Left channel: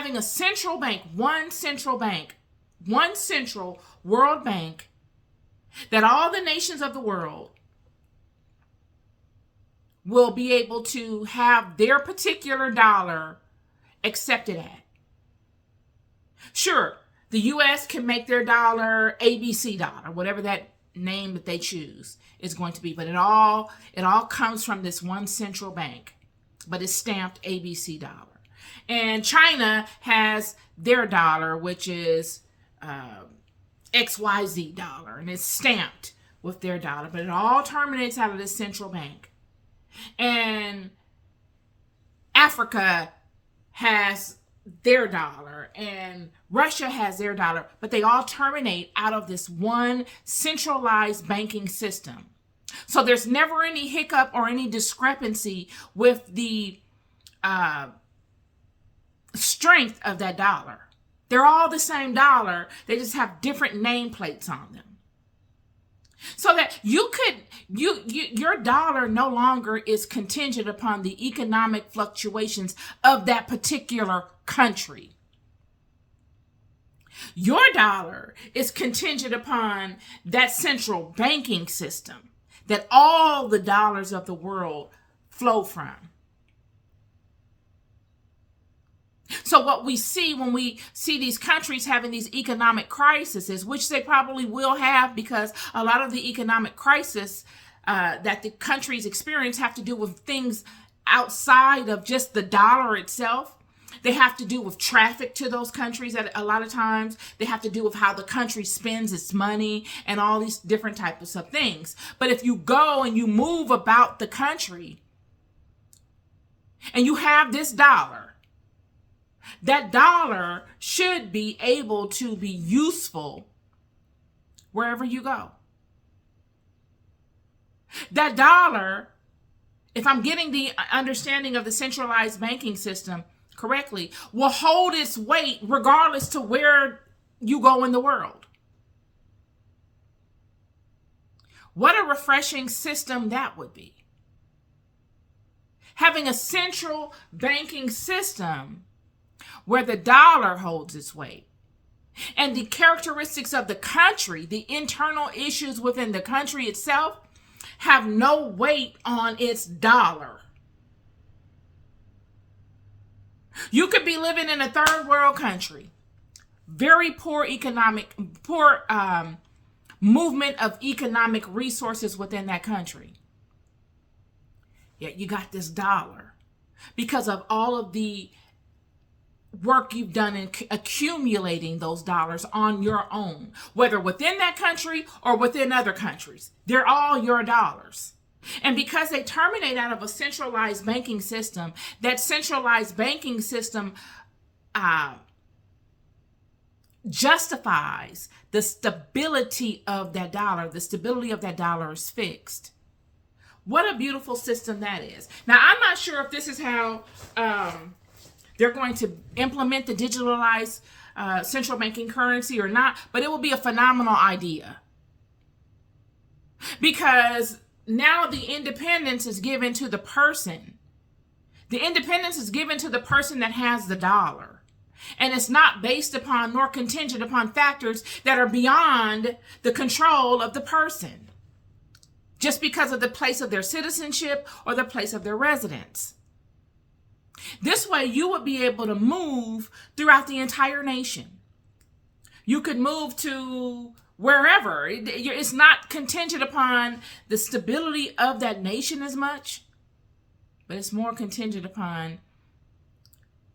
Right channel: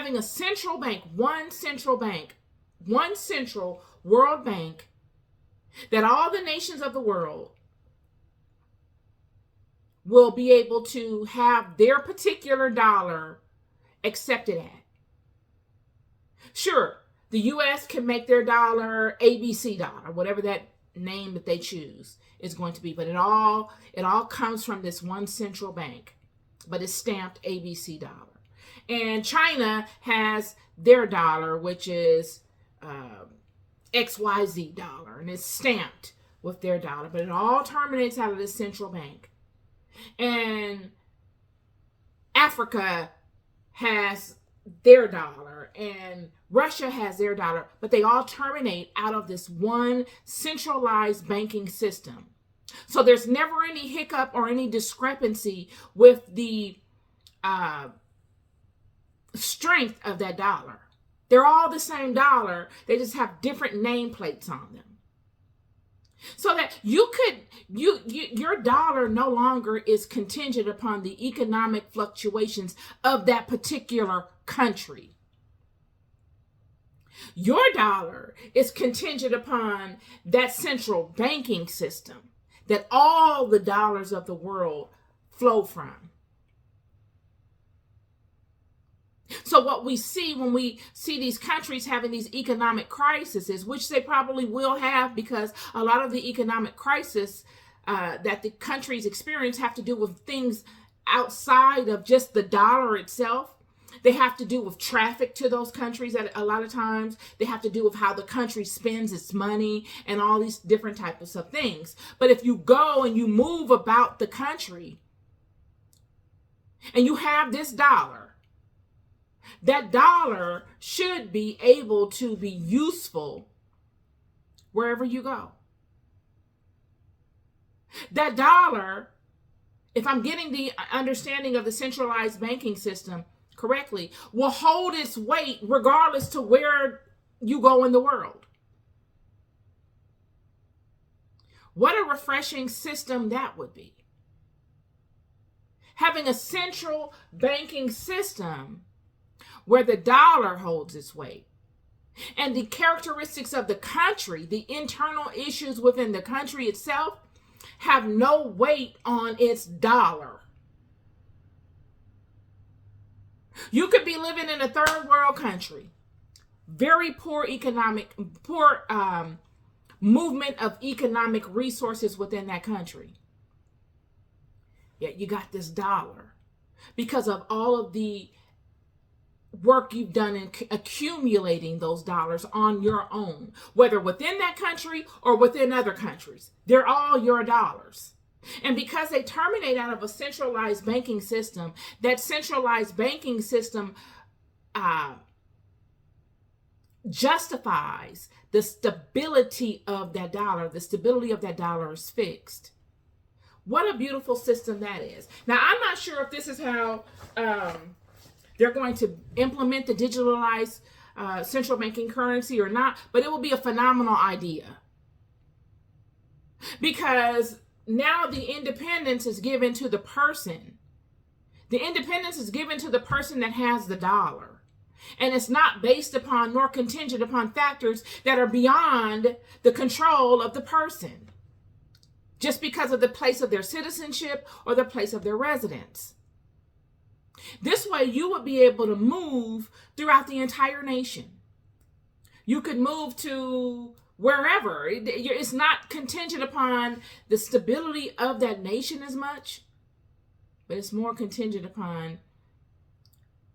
having a central bank, one central world bank that all the nations of the world will be able to have their particular dollar accepted at. Sure, the U.S. can make their dollar ABC dollar, whatever that name that they choose is going to be, but it all comes from this one central bank, but it's stamped ABC dollar. And China has their dollar, which is XYZ dollar, and it's stamped with their dollar, but it all terminates out of this central bank. And Africa has their dollar, and Russia has their dollar, but they all terminate out of this one centralized banking system. So there's never any hiccup or any discrepancy with the strength of that dollar. They're all the same dollar. They just have different nameplates on them. So that your dollar no longer is contingent upon the economic fluctuations of that particular country. Your dollar is contingent upon that central banking system that all the dollars of the world flow from. So what we see when we see these countries having these economic crises, which they probably will have, because a lot of the economic crisis that the countries experience have to do with things outside of just the dollar itself. They have to do with traffic to those countries at a lot of times. They have to do with how the country spends its money and all these different types of things. But if you go and you move about the country and you have this dollar, that dollar should be able to be useful wherever you go. That dollar, if I'm getting the understanding of the centralized banking system correctly, will hold its weight regardless to where you go in the world. What a refreshing system that would be. Having a central banking system where the dollar holds its weight, and the characteristics of the country, the internal issues within the country itself, have no weight on its dollar. You could be living in a third world country, very poor movement of economic resources within that country. Yet you got this dollar because of all of the work you've done in accumulating those dollars on your own, whether within that country or within other countries. They're all your dollars. And because they terminate out of a centralized banking system, that centralized banking system justifies the stability of that dollar. The stability of that dollar is fixed. What a beautiful system that is. Now, I'm not sure if this is how they're going to implement the digitalized central banking currency or not, but it will be a phenomenal idea. Because now the independence is given to the person. The independence is given to the person that has the dollar. And it's not based upon nor contingent upon factors that are beyond the control of the person, just because of the place of their citizenship or the place of their residence. This way, you would be able to move throughout the entire nation. You could move to wherever. It's not contingent upon the stability of that nation as much, but it's more contingent upon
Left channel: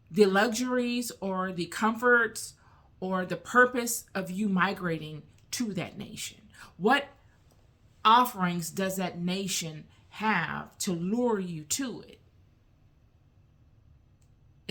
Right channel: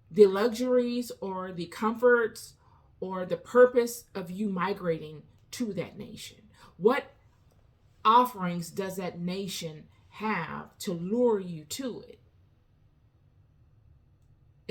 the luxuries or the comforts or the purpose of you migrating to that nation. What offerings does that nation have to lure you to it?